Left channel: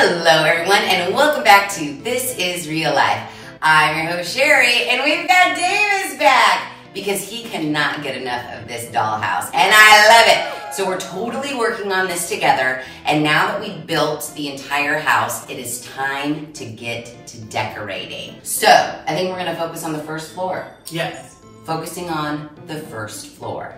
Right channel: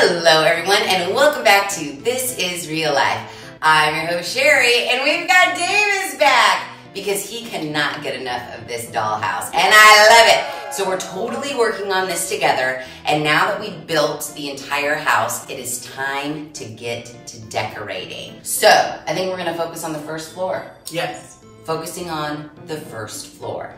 Hello everyone and welcome back to This Is Real Life. I'm your host Sheri and we've got Davis back because he cannot get enough of this dollhouse and I love it. So we're totally working on this together, and now that we've built the entire house, it is time to get to decorating. So I think we're gonna focus on the first floor. Yes. Focusing on the first floor.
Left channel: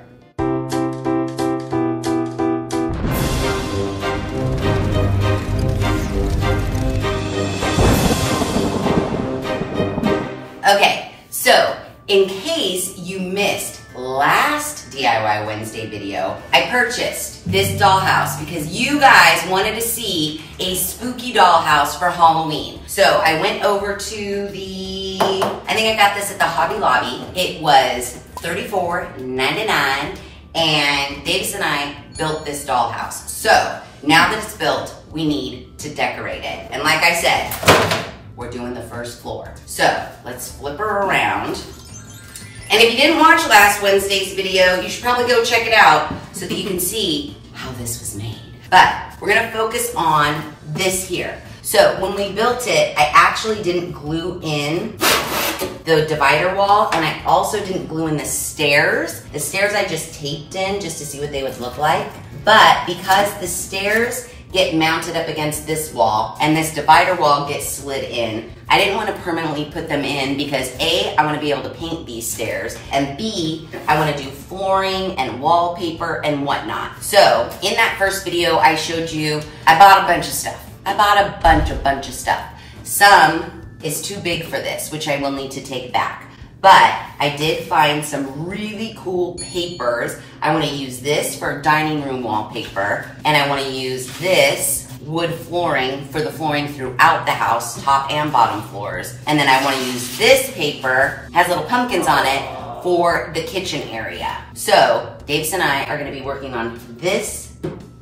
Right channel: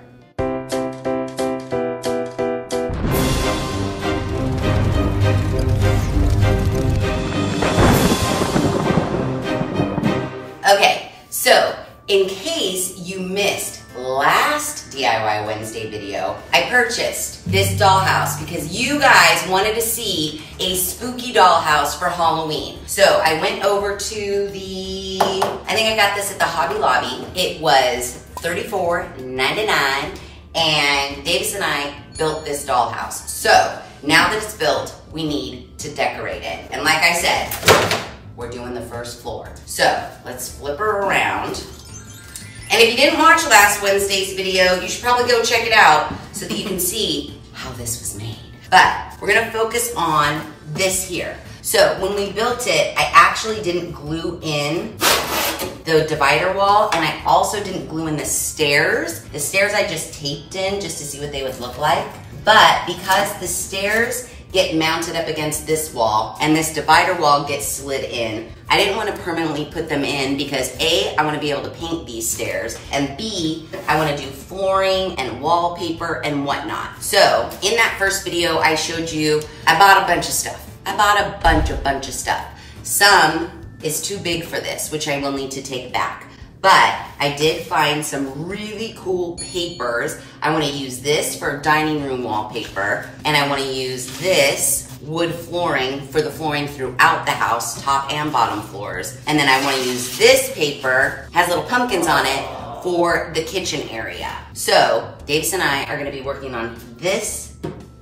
Okay, so in case you missed last DIY Wednesday video, I purchased this dollhouse because you guys wanted to see a spooky dollhouse for Halloween. So I went over to I think I got this at the Hobby Lobby. It was $34.99 and Davis and I built this dollhouse. So now that it's built, we need to decorate it. And like I said, we're doing the first floor. So let's flip her around. And if you didn't watch last Wednesday's video, you should probably go check it out so that you can see how this was made. But we're gonna focus on this here. So when we built it, I actually didn't glue in the divider wall, and I also didn't glue in the stairs. The stairs I just taped in just to see what they would look like. But because the stairs get mounted up against this wall and this divider wall gets slid in, I didn't want to permanently put them in because A, I want to be able to paint these stairs, and B, I want to do flooring and wallpaper and whatnot. So in that first video I showed you, I bought a bunch of stuff. I bought a bunch of stuff. Some is too big for this, which I will need to take back. But I did find some really cool papers. I want to use this for dining room wallpaper, and I want to use this wood flooring for the flooring throughout the house, top and bottom floors. And then I want to use this paper, has little pumpkins on it, for the kitchen area. So Davis and I are going to be working on this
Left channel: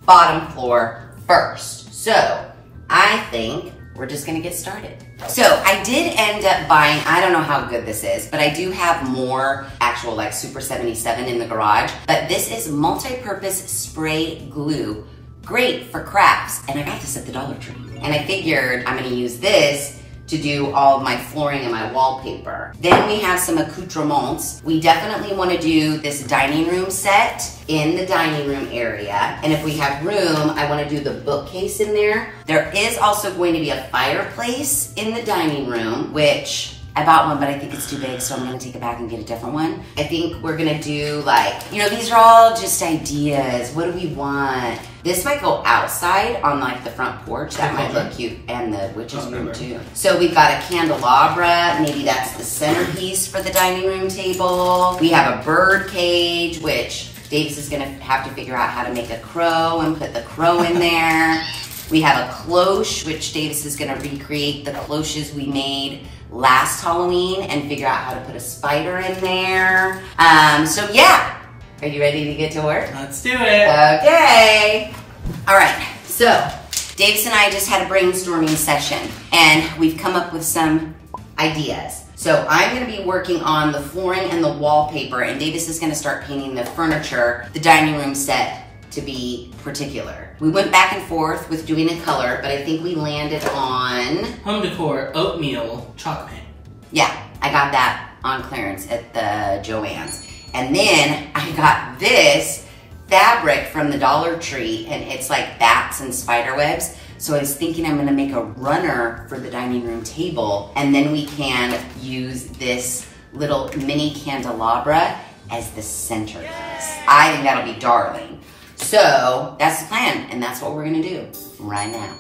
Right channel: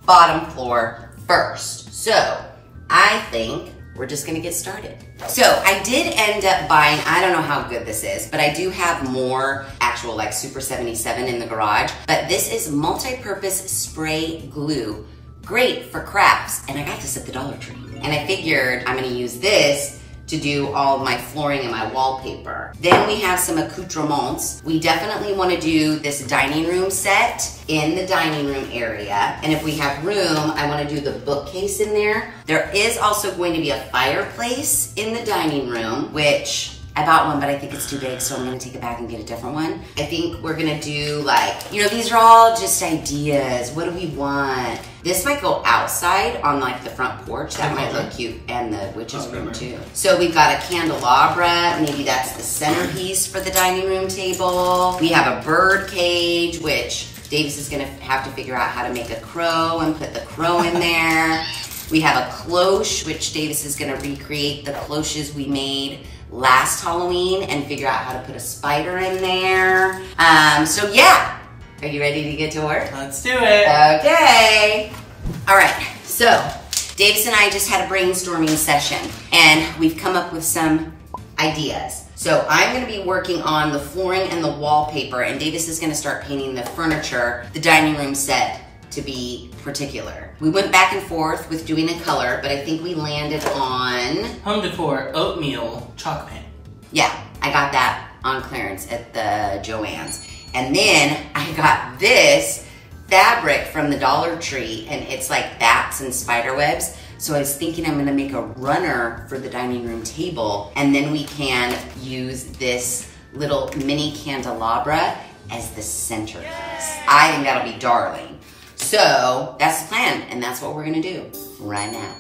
bottom floor first. So I think we're just gonna get started. So I did end up buying, I don't know how good this is, but I do have more actual like Super 77 in the garage, but this is multi-purpose spray glue. Great for crafts, and I got this at the Dollar Tree. And I figured I'm gonna use this to do all my flooring and my wallpaper. Then we have some accoutrements. We definitely want to do this dining room set in the dining room area. And if we have room, I want to do the bookcase in there. There is also going to be a fireplace in the dining room, which I bought one, but I think it's too big, so I'm gonna take it back and get a different one. I think we're gonna do like, you know, these are all just ideas. What do we want? This might go outside on like the front porch. That might look cute, and the witch's room too. So we've got a candelabra. Maybe that's the centerpiece for the dining room table. We have a bird cage, which Davis is gonna have to figure out how to make a crow and put the crow in there. We have a cloche, which Davis is gonna recreate the cloches we made last Halloween and figure out how to put a spider in there. So yeah, are you ready to get to work? Let's do it. Okay. All right, so Davis and I just had a brainstorming session and we've come up with some ideas. So I'm gonna be working on the flooring and the wallpaper, and Davis is gonna start painting the furniture, the dining room set, to be particular. We went back and forth with doing a color, but I think we landed on home decor oatmeal chalk paint. Yeah, I got that on clearance at the Joann's. And then I got this fabric from the Dollar Tree, and it's like bats and spider webs. So I was thinking I'm gonna make a runner for the dining room table, and then we can use this little mini candelabra as the centerpiece. I think that'll be darling. So that's the plan, and that's what we're gonna do right now.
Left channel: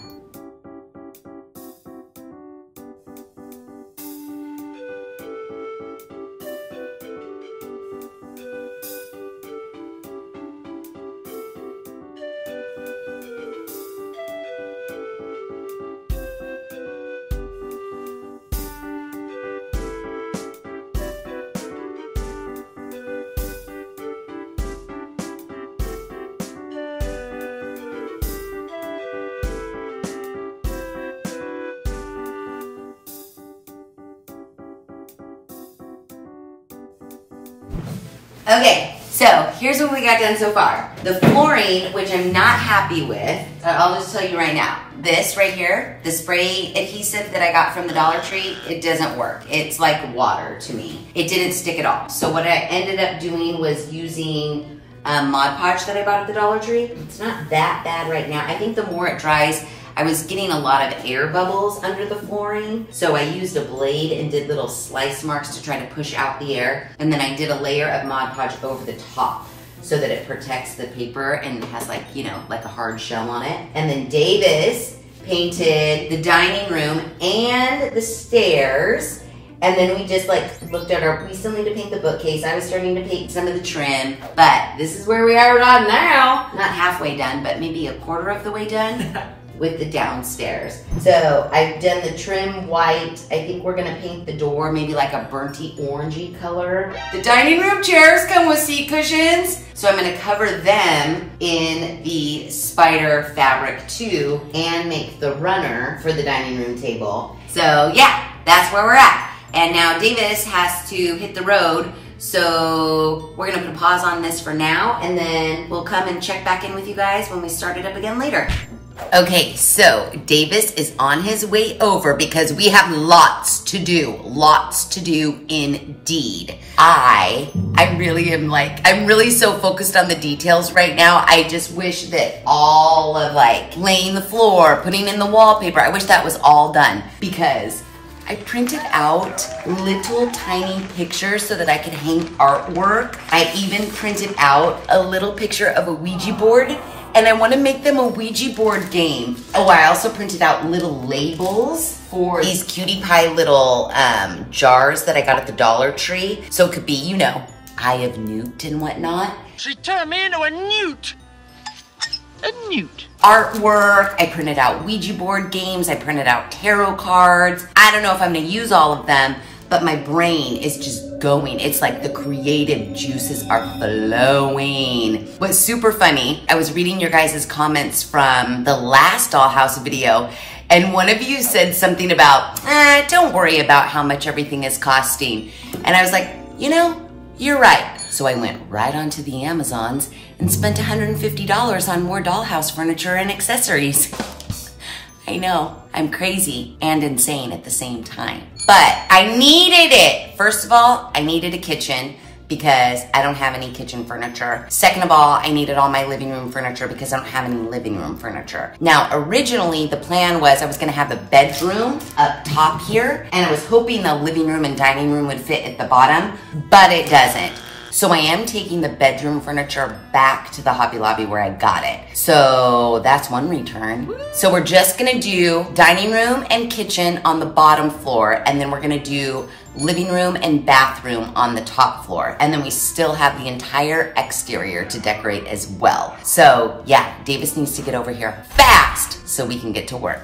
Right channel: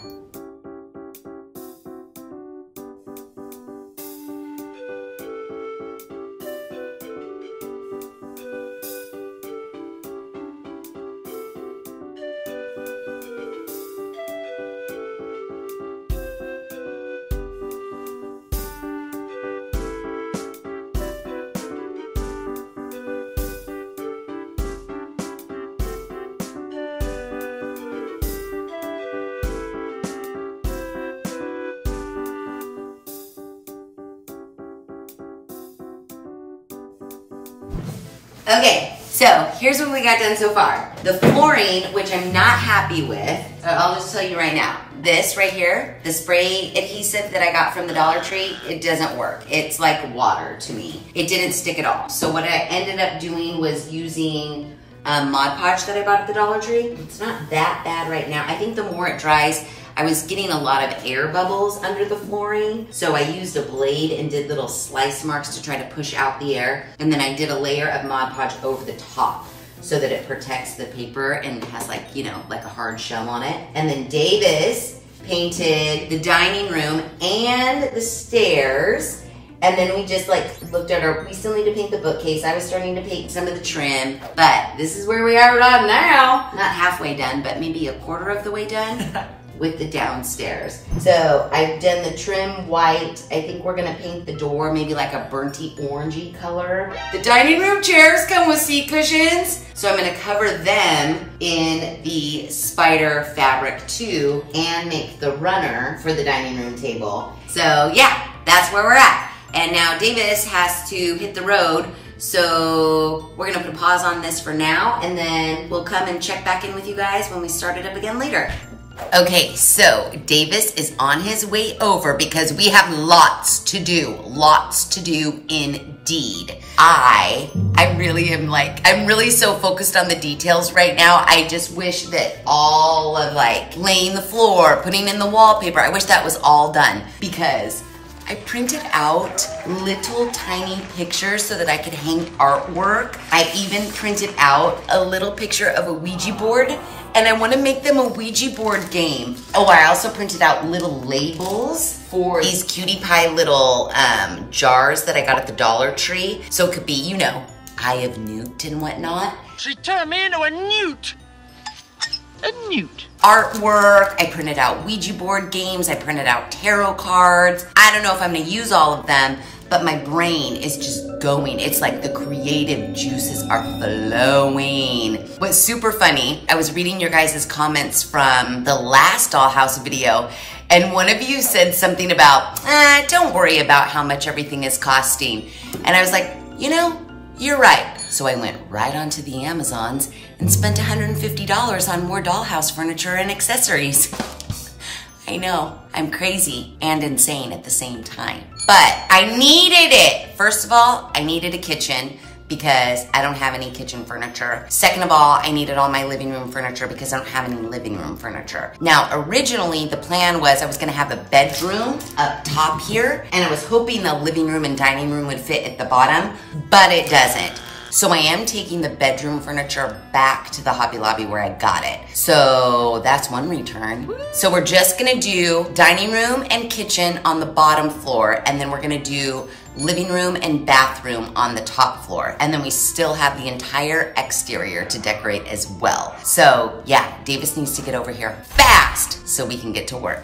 Okay, so here's what we got done so far. The flooring, which I'm not happy with, I'll just tell you right now, this right here, the spray adhesive that I got from the Dollar Tree, it doesn't work. It's like water to me. It didn't stick at all. So what I ended up doing was using Mod Podge that I bought at the Dollar Tree. It's not that bad right now. I think the more it dries, I was getting a lot of air bubbles under the flooring. So I used a blade and did little slice marks to try to push out the air. And then I did a layer of Mod Podge over the top so that it protects the paper and has like, you know, like a hard shell on it. And then Davis painted the dining room and the stairs. And then we just like looked at we still need to paint the bookcase. I was starting to paint some of the trim, but this is where we are on now. Not halfway done, but maybe a quarter of the way done with the downstairs. So I've done the trim white. I think we're gonna paint the door maybe like a burnty orangey color. The dining room chairs come with seat cushions. So I'm gonna cover them in the spider fabric too and make the runner for the dining room table. So yeah, that's where we're at. And now Davis has to hit the road. So we're gonna put a pause on this for now and then we'll come and check back in with you guys when we start it up again later. Okay, so Davis is on his way over because we have lots to do indeed. I really am like, I'm really so focused on the details right now. I just wish that all of like laying the floor, putting in the wallpaper, I wish that was all done because I printed out little tiny pictures so that I could hang artwork. I even printed out a little picture of a Ouija board and I want to make them a Ouija board game. Oh, I also printed out little labels for these cutie pie little jars that I got at the Dollar Tree. So it could be, you know, Eye of Newt and whatnot. She turned me into a newt. A newt. Artwork, I printed out Ouija board games, I printed out tarot cards. I don't know if I'm gonna use all of them, but my brain is just going. It's like the creative juices are flowing. What's super funny, I was reading your guys' comments from the last dollhouse video, and one of you said something about, don't worry about how much everything is costing. And I was like, you know, you're right. So I went right onto the Amazons and spent $150 on more dollhouse furniture and accessories. I know, I'm crazy and insane at the same time. But I needed it. First of all, I needed a kitchen because I don't have any kitchen furniture. Second of all, I needed all my living room furniture because I don't have any living room furniture. Now, originally the plan was I was gonna have a bedroom up top here and I was hoping the living room and dining room would fit at the bottom, but it doesn't. So I am taking the bedroom furniture back to the Hobby Lobby where I got it. So that's one return. So we're just gonna do dining room and kitchen on the bottom floor, and then we're gonna do living room and bathroom on the top floor. And then we still have the entire exterior to decorate as well. So yeah, Davis needs to get over here fast so we can get to work.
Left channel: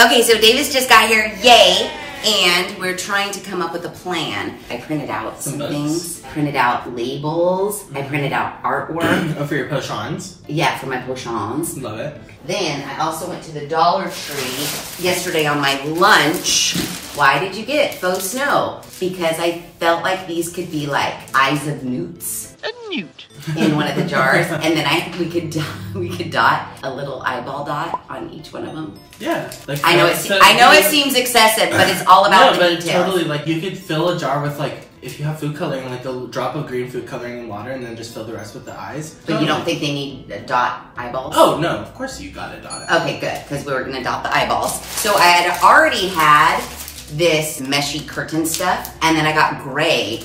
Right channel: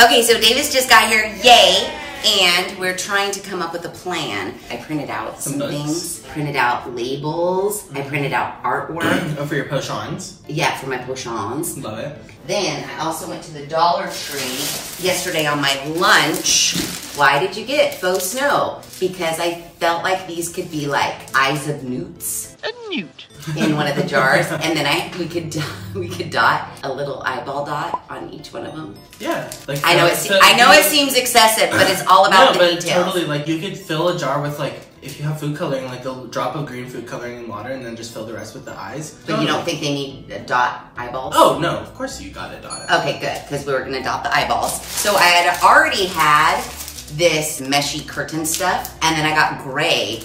Okay, so Davis just got here, yay. And we're trying to come up with a plan. I printed out some things, printed out labels, I printed out artwork. Oh, for your pochons? Yeah, for my pochons. Love it. Then I also went to the Dollar Tree yesterday on my lunch. Why did you get faux snow? Because I felt like these could be like eyes of newts. A newt. In one of the jars, and then we could dot a little eyeball dot on each one of them. Yeah, like I know it seems excessive, but it's all about the details. Totally, like you could fill a jar with like if you have food coloring, like a drop of green food coloring in water, and then just fill the rest with the eyes. But you don't think they need dot eyeballs? Oh no, of course you got it dot. Okay, good, because we were gonna dot the eyeballs. So I had already had this meshy curtain stuff, and then I got gray.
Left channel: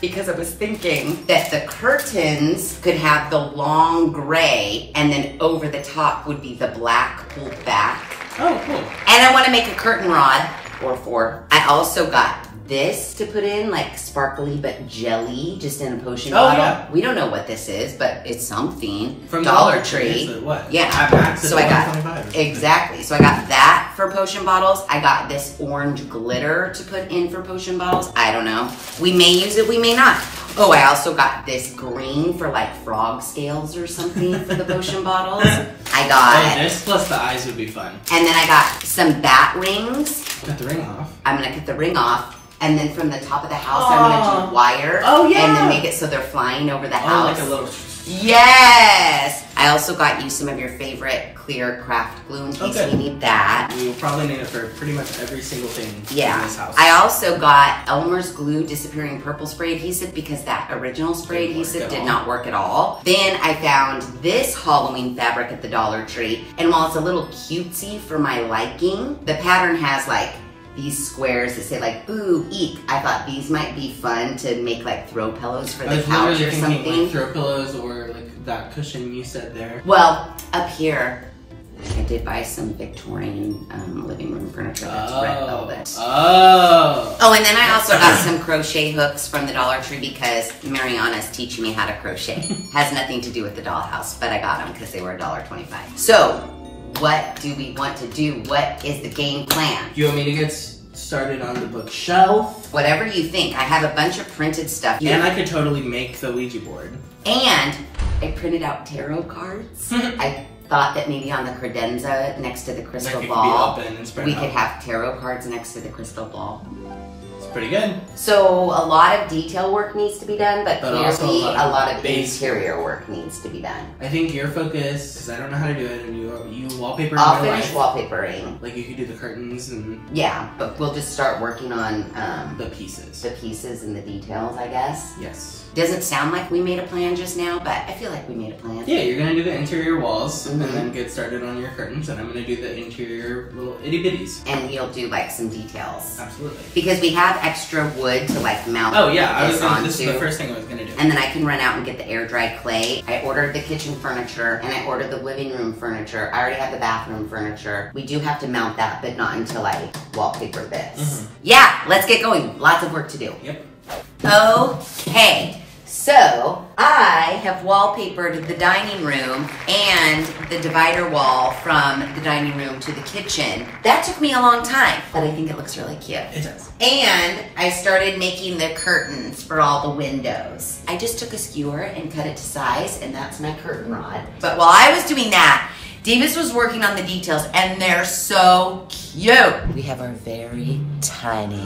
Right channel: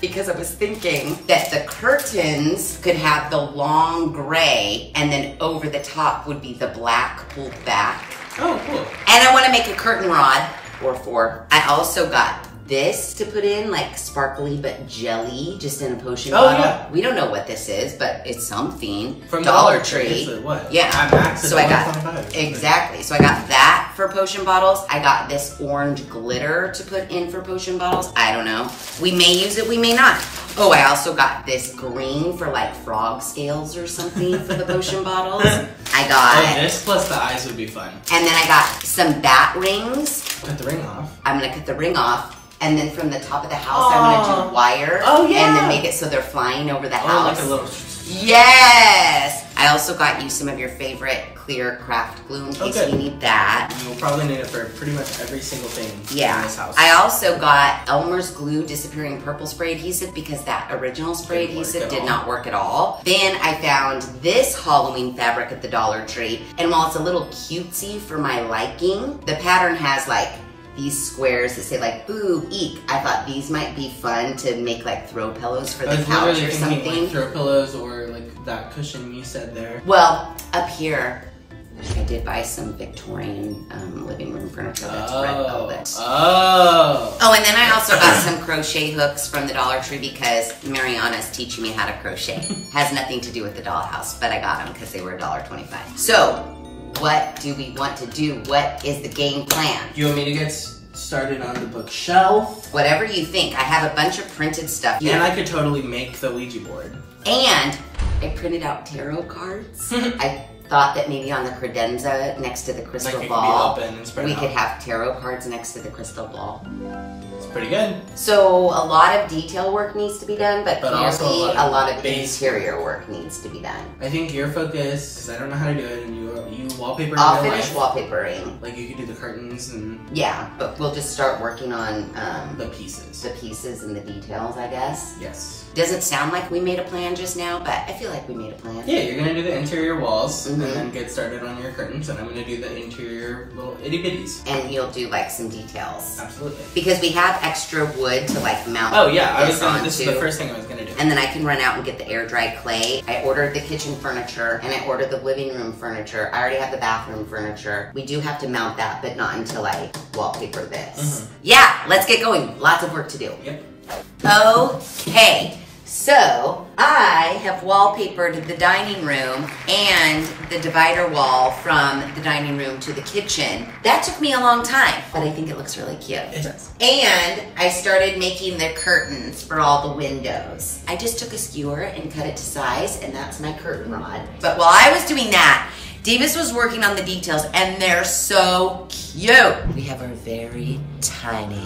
Because I was thinking that the curtains could have the long gray and then over the top would be the black pulled back. Oh, cool. And I want to make a curtain rod or four. I also got this to put in, like sparkly but jelly, just in a potion bottle. Yeah. We don't know what this is, but it's something. From Dollar Tree. What? Yeah. So I got, exactly. So I got that for potion bottles. I got this orange glitter to put in for potion bottles. I don't know. We may use it, we may not. Oh, I also got this green for like frog scales or something for the potion bottles. I got this plus the eyes would be fun. And then I got some bat rings. Cut the ring off. I'm gonna cut the ring off. And then from the top of the house, I'm gonna do wire. Oh yeah. And then make it so they're flying over the house. Like a little... Yes. I also got you some of your favorite clear craft glue in case you need that. We will probably need it for pretty much every single thing in this house. I also got Elmer's Glue Disappearing Purple Spray Adhesive because that original spray adhesive did not work at all. Then I found this Halloween fabric at the Dollar Tree, and while it's a little cutesy for my liking, the pattern has like these squares that say like boo, eek. I thought these might be fun to make like throw pillows for the couch or something. Like throw pillows or like that cushion you said there. Well, up here, I did buy some Victorian living room furniture that's red velvet. Oh, and then I also got some crochet hooks from the Dollar Tree because Mariana's teaching me how to crochet. Has nothing to do with the dollhouse, but I got them because they were $1.25. So, what do we want to do? What is the game plan? You want me to get started on the bookshelf? Whatever you think. I have a bunch of printed stuff. And I could totally make the Ouija board. And I printed out tarot cards. I thought that maybe on the credenza next to the crystal ball, we could have tarot cards next to the crystal ball. It's pretty good. So a lot of detail work needs to be done, but clearly a lot of interior work needs to be done. I think your focus, because I don't know how to do it, and you wallpaper. I'll finish wallpapering. Like you could do the curtains and... Yeah, but we'll just start working on the pieces. The pieces and the details, I guess. Yes. Doesn't sound like we made a plan just now, but I feel like we made a plan. Yeah, you're gonna do the interior walls and then get started on your curtains, and I'm gonna do the interior little itty bitties. And you'll do like some details. Absolutely. Because we have extra wood to like mount this is the first thing I was gonna do. And then I can run out and get the air dry clay. I ordered the kitchen furniture and I ordered the living room furniture. I already have the bathroom furniture. We do have to mount that, but not until I wallpaper this. Yeah, let's get going. Lots of work to do. Yep. Okay. So, I have wallpapered the dining room and the divider wall from the dining room to the kitchen. That took me a long time, but I think it looks really cute. It does. And I started making the curtains for all the windows. I just took a skewer and cut it to size, and that's my curtain rod. But while I was doing that, Davis was working on the details, and they're so cute. We have our very tiny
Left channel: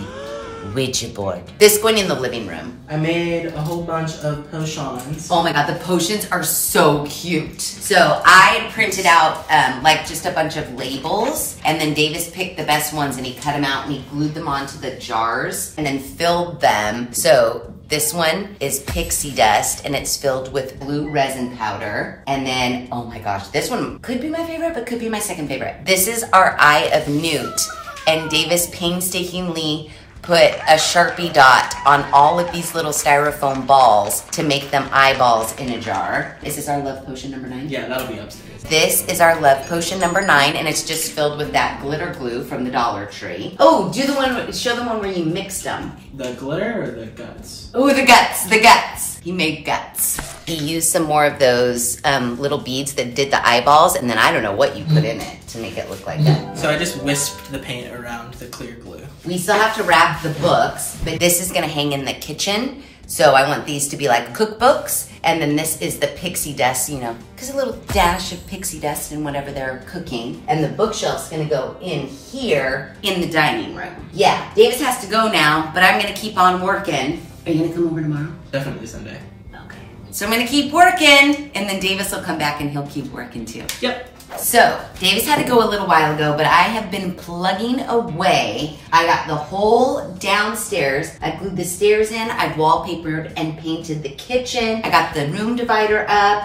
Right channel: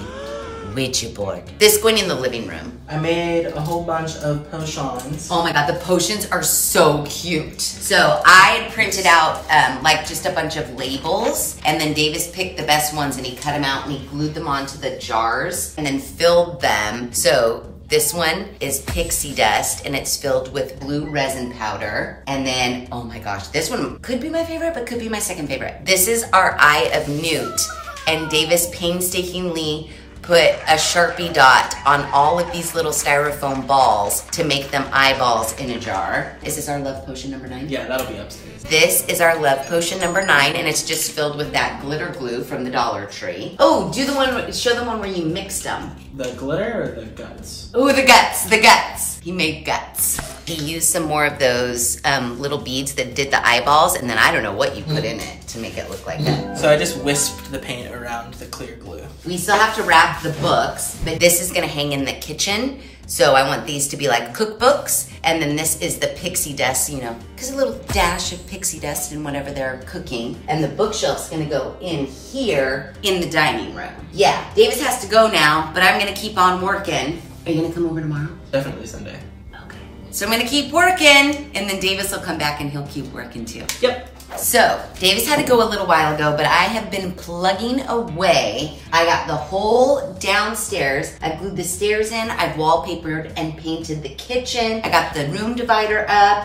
Ouija board. This going in the living room. I made a whole bunch of potions. Oh my god, the potions are so cute. So I had printed out like just a bunch of labels, and then Davis picked the best ones and he cut them out and he glued them onto the jars and then filled them. So this one is pixie dust and it's filled with blue resin powder. And then, oh my gosh, this one could be my favorite, but could be my second favorite. This is our Eye of Newt, and Davis painstakingly put a Sharpie dot on all of these little styrofoam balls to make them eyeballs in a jar. Is this our love potion number 9? Yeah, that'll be upstairs. This is our love potion number 9, and it's just filled with that glitter glue from the Dollar Tree. Oh, do the one, show the one where you mixed them. The glitter or the guts? Oh, the guts. He made guts. He used some more of those little beads that did the eyeballs, and then I don't know what you put in it to make it look like that. So I just whisked the paint around the clear glue. We still have to wrap the books, but this is gonna hang in the kitchen. So I want these to be like cookbooks, and then this is the pixie dust, you know, because a little dash of pixie dust in whatever they're cooking. And the bookshelf's gonna go in here in the dining room. Yeah, Davis has to go now, but I'm gonna keep on working. Are you gonna come over tomorrow? Definitely Sunday. Okay. So I'm gonna keep working, and then Davis will come back and he'll keep working too. Yep. So, Davis had to go a little while ago, but I have been plugging away. I got the whole downstairs. I glued the stairs in. I've wallpapered and painted the kitchen. I got the room divider up,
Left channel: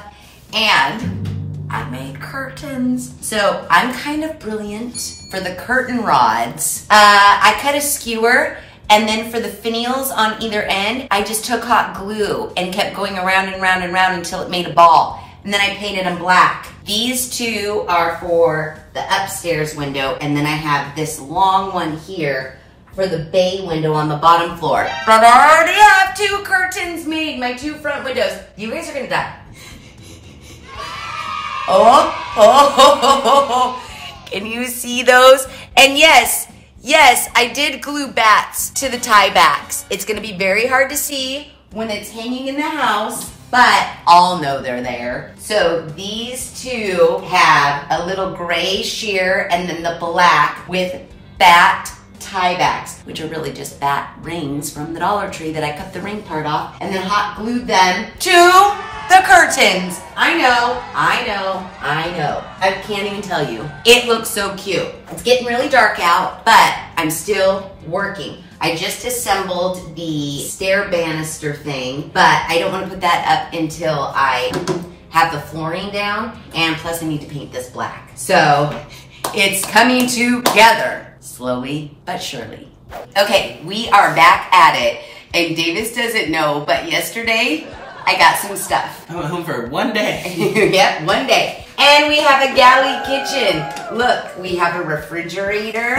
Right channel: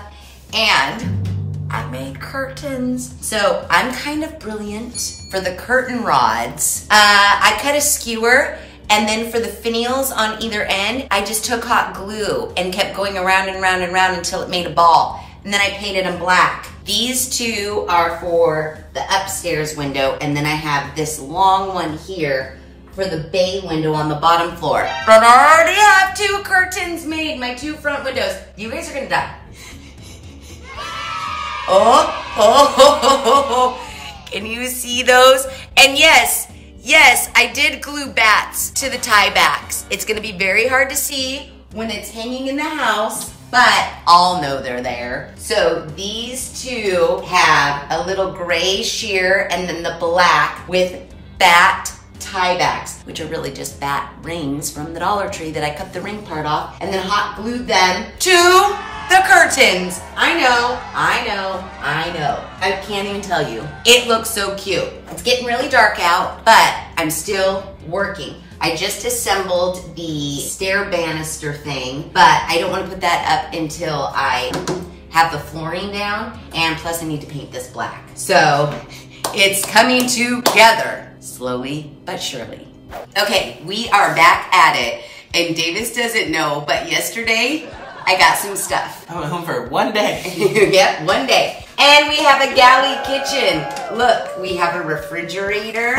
and I made curtains. So, I'm kind of brilliant for the curtain rods. I cut a skewer, and then for the finials on either end, I just took hot glue and kept going around and round and round until it made a ball. And then I painted them black. These two are for the upstairs window, and then I have this long one here for the bay window on the bottom floor. But I already have 2 curtains made, my 2 front windows. You guys are gonna die. Oh, can you see those? And yes, I did glue bats to the tie backs. It's gonna be very hard to see when it's hanging in the house, but I'll know they're there. So these 2 have a little gray sheer and then the black with bat tie backs, which are really just bat rings from the Dollar Tree that I cut the ring part off and then hot glued them to the curtains. I know. I can't even tell you. It looks so cute. It's getting really dark out, but I'm still working. I just assembled the stair banister thing, but I don't want to put that up until I have the flooring down, and plus I need to paint this black. So it's coming together, slowly but surely. Okay, we are back at it, and Davis doesn't know, but yesterday I got some stuff. I went home for one day. Yep, one day. And we have a galley kitchen. Look, we have a refrigerator.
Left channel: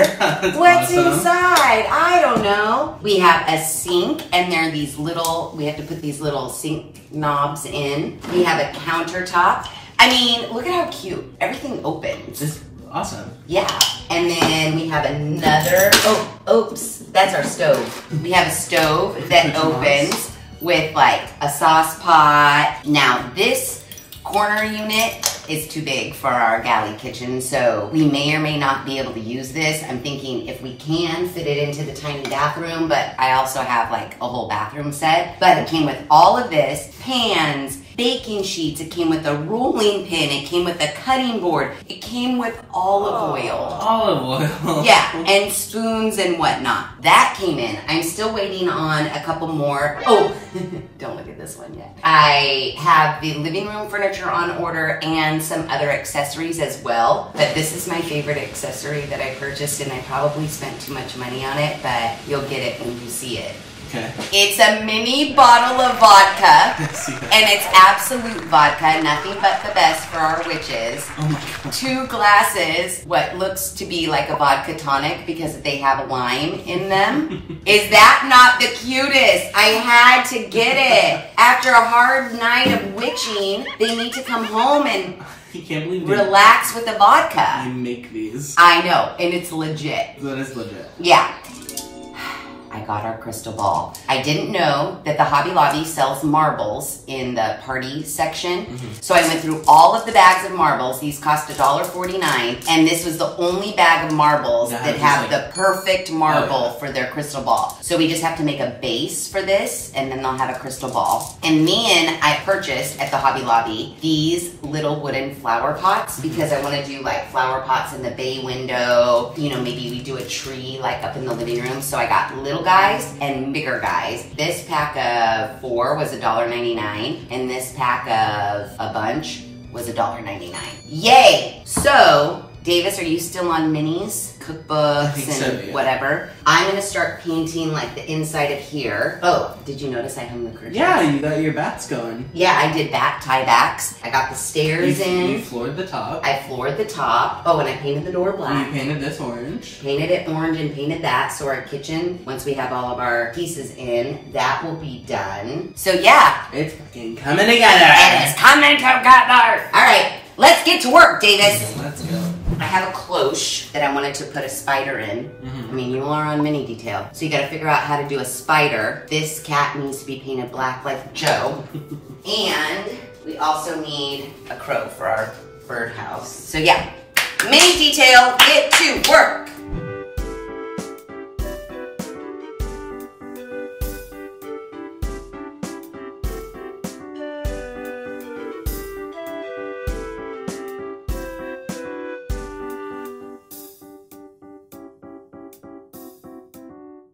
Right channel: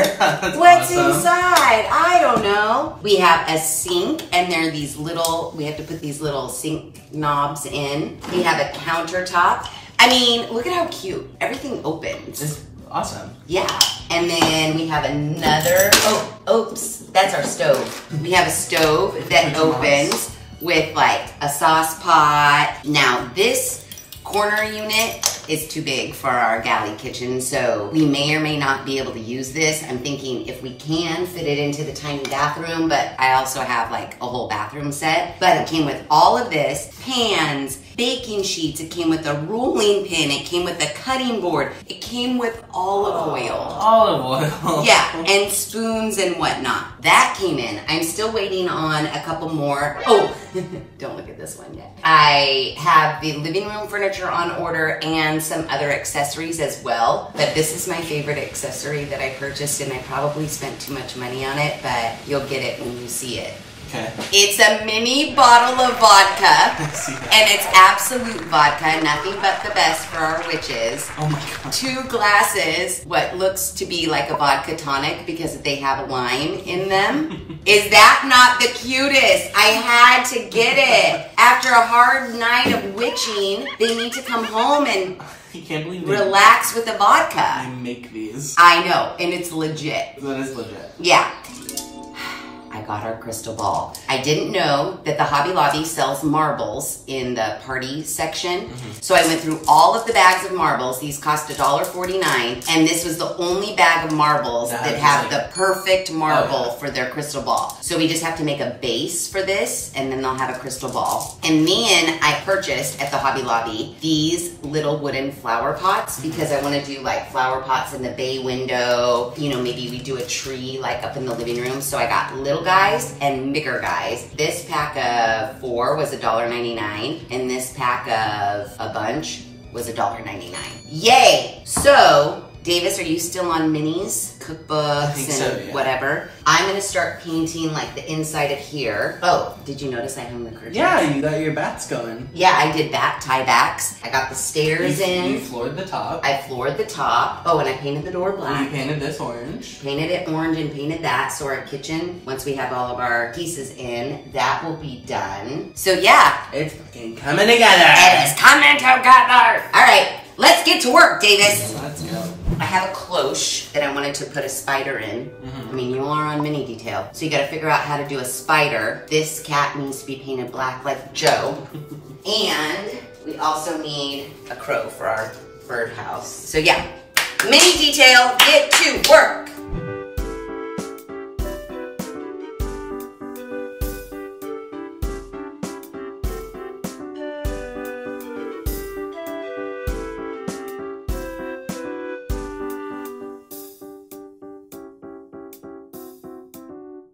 What's awesome. inside? I don't know. We have a sink, and there are these little, we have to put these little sink knobs in. We have a countertop. I mean, look at how cute. Everything opens. It's awesome. Yeah, and then we have another, oops, that's our stove. We have a stove that opens with like a sauce pot. Now this corner unit is too big for our galley kitchen, so we may or may not be able to use this. I'm thinking if we can fit it into the tiny bathroom, but I also have like a whole bathroom set. But it came with all of this, pans, baking sheets, it came with a rolling pin, it came with a cutting board, it came with olive oil. Olive oil. Yeah, and spoons and whatnot. That came in. I'm still waiting on a couple more. Oh, don't look at this one yet. I have the living room furniture on order and some other accessories as well. But this is my favorite accessory that I purchased, and I probably spent too much money on it, but you'll get it when you see it. Okay. It's a mini bottle of vodka, and it's absolute vodka, nothing but the best for our witches. Oh my God. 2 glasses, what looks to be like a vodka tonic because they have lime in them. Is that not the cutest? I had to get it. After a hard night of witching, they need to come home and You can't believe relax with the vodka. you make these. I know, and it's legit. That is legit. Yeah. I got our crystal ball. I didn't know that the Hobby Lobby sells marbles in the party section. So I went through all of the bags of marbles. These cost $1.49, and this was the only bag of marbles that have the perfect marble for their crystal ball. So we just have to make a base for this, and then they'll have a crystal ball. And then I purchased at the Hobby Lobby these little wooden flower pots because I want to do like flower pots in the bay window. You know, maybe we do a tree like up in the living room. So I got little guys and bigger guys. This pack of 4 was $1.99, and this pack of a bunch was $1.99. Yay! So, Davis, are you still on minis, cookbooks, and whatever? I'm gonna start painting like the inside of here. Oh, did you notice I hung the curtains? Yeah, you got your bats going. Yeah, I did bat tie backs. I got the stairs in. You floored the top. I floored the top. Oh, and I painted the door black. You painted this orange. Painted it orange and painted that. So our kitchen, once we have all of our pieces in, that will be done. So yeah. It's fucking coming together. It is coming together. All right, let's get to work, Davis. Let's go. I have a cloche that I wanted to put a spider in. I mean, you are on mini detail. So you gotta figure out how to do a spider. This cat needs to be painted black like Joe. And we also need a crow for our birdhouse. So yeah, mini detail, get to work.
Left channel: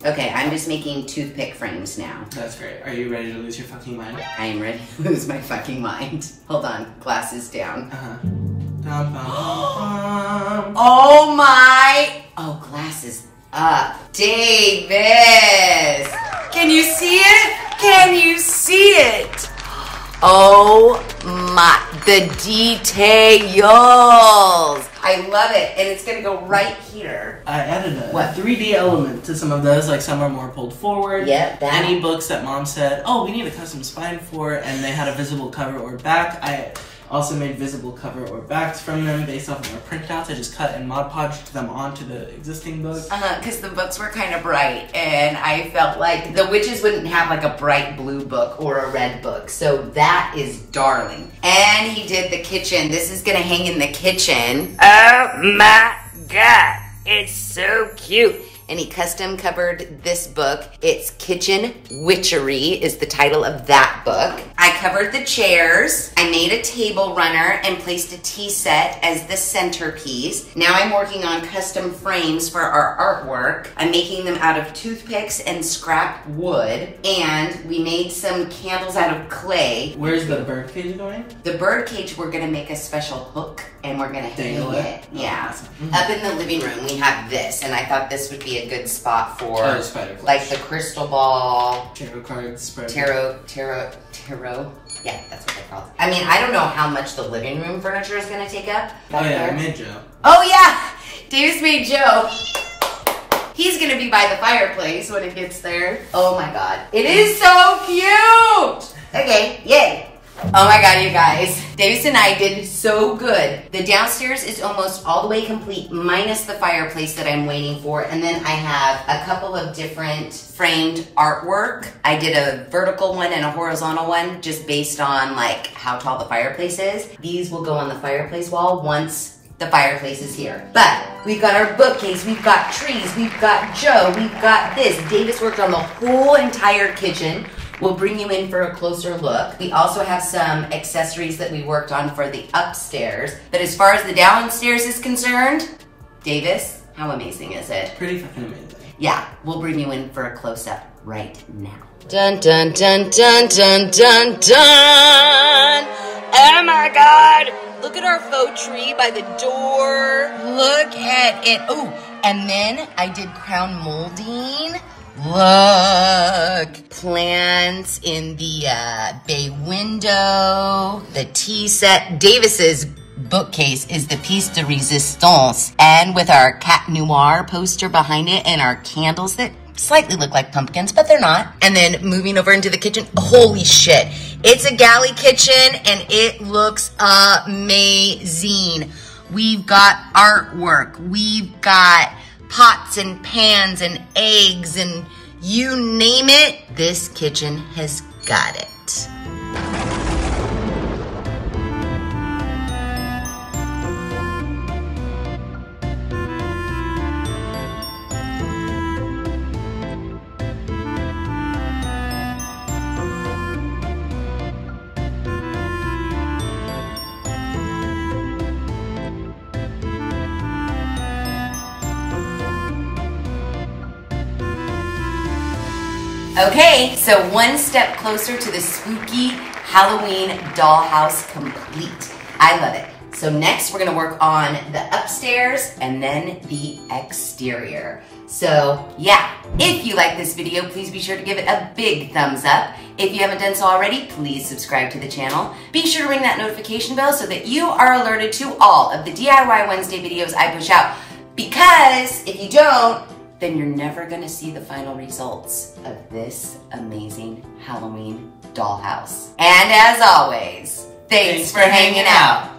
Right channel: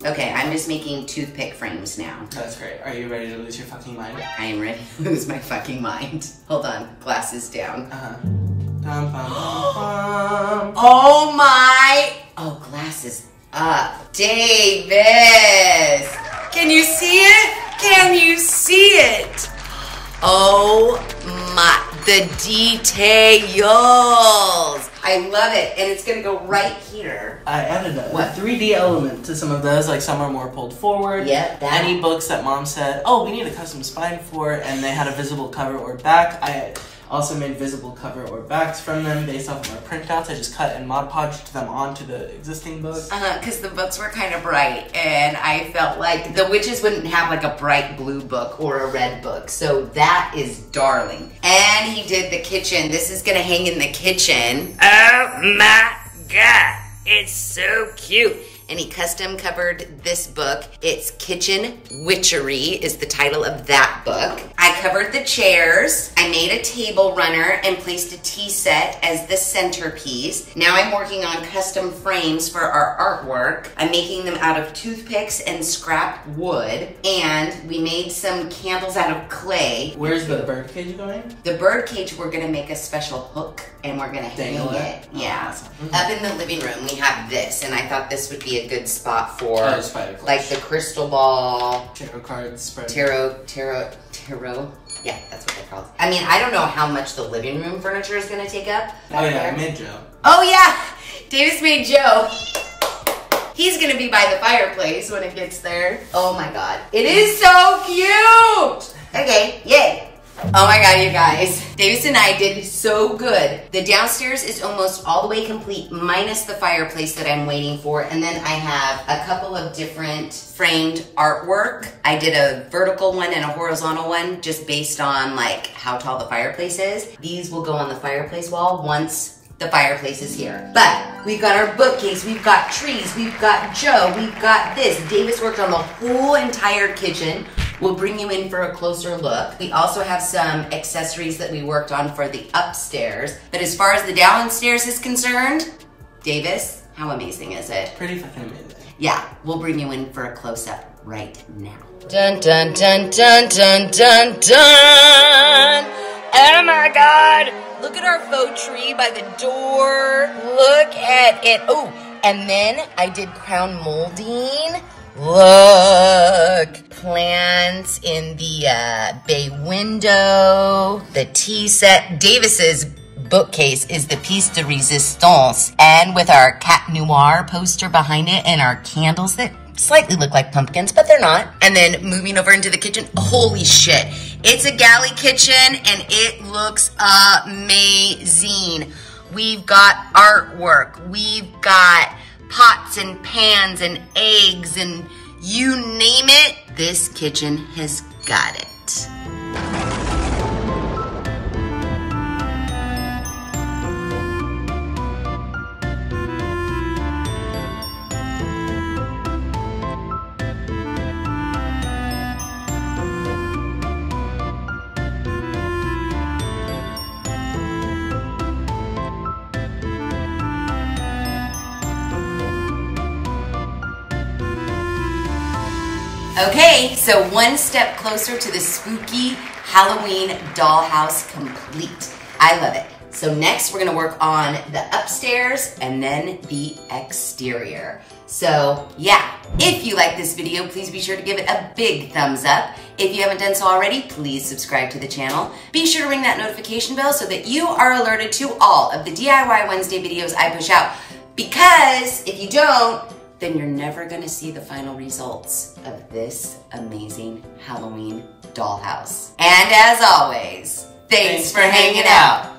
Okay, I'm just making toothpick frames now. That's great. Are you ready to lose your fucking mind? I am ready to lose my fucking mind. Hold on, glasses down. Oh my! Oh, glasses up. Davis! Can you see it? Can you see it? Oh my, the details. I love it, and it's gonna go right here. I added a 3D element to some of those, like some are more pulled forward. Yep, that. Any books that mom said, oh, we need a custom spine for, and they had a visible cover or back, I also made visible cover or backs from them based off of our printouts. I just cut and Mod Podged them onto the existing book. Because the books were kind of bright, and I felt like the witches wouldn't have like a bright blue book or a red book. So that is darling. And he did the kitchen. This is gonna hang in the kitchen. Oh my God, it's so cute. and he custom covered this book. It's Kitchen Witchery is the title of that book. I covered the chairs. I made a table runner and placed a tea set as the centerpiece. Now I'm working on custom frames for our artwork. I'm making them out of toothpicks and scrap wood, and we made some candles out of clay. Where's the bird cage going? The bird cage, we're gonna make a special hook and we're gonna hang it. Yeah. Awesome. Up in the living room, we have this, and I thought this would be a good spot for spider like the crystal ball, tarot cards, tarot. Yeah, that's what they're called. I mean, I don't know how much the living room furniture is gonna take up. Oh yeah, there. I made Joe. Oh yeah, Davis made Joe. He's gonna be by the fireplace when it gets there. Oh my God, it is so cute. Okay, yay. Oh my God, you guys. Davis and I did so good. The downstairs is almost all the way complete, minus the fireplace that I'm waiting for. And then I have a couple of different framed artwork. I did a vertical one and a horizontal one just based on like how tall the fireplace is. These will go on the fireplace wall once the fireplace is here. But we've got our bookcase, we've got trees, we've got Joe, we've got this. Davis worked on the whole entire kitchen. We'll bring you in for a closer look. We also have some accessories that we worked on for the upstairs. But as far as the downstairs is concerned, Davis, how amazing is it? Pretty fucking amazing. Yeah, we'll bring you in for a close-up right now. Dun dun dun dun dun dun dun! Oh my God! Look at our faux tree by the door. Look at it. Oh, and then I did crown molding. Look, plants in the bay window, the tea set. Davis's bookcase is the piece de resistance, and with our Cat Noir poster behind it and our candles that slightly look like pumpkins, but they're not. And then moving over into the kitchen, holy shit. It's a galley kitchen and it looks amazing. We've got artwork, we've got pots and pans and eggs and you name it, this kitchen has got it. Okay, so one step closer to the Spooky Halloween Dollhouse complete. I love it. So next we're gonna work on the upstairs and then the exterior. So yeah, if you like this video, please be sure to give it a big thumbs up. If you haven't done so already, please subscribe to the channel. Be sure to ring that notification bell so that you are alerted to all of the DIY Wednesday videos I push out. Because if you don't, then you're never gonna see the final results of this amazing Halloween dollhouse. And as always, thanks for hanging out.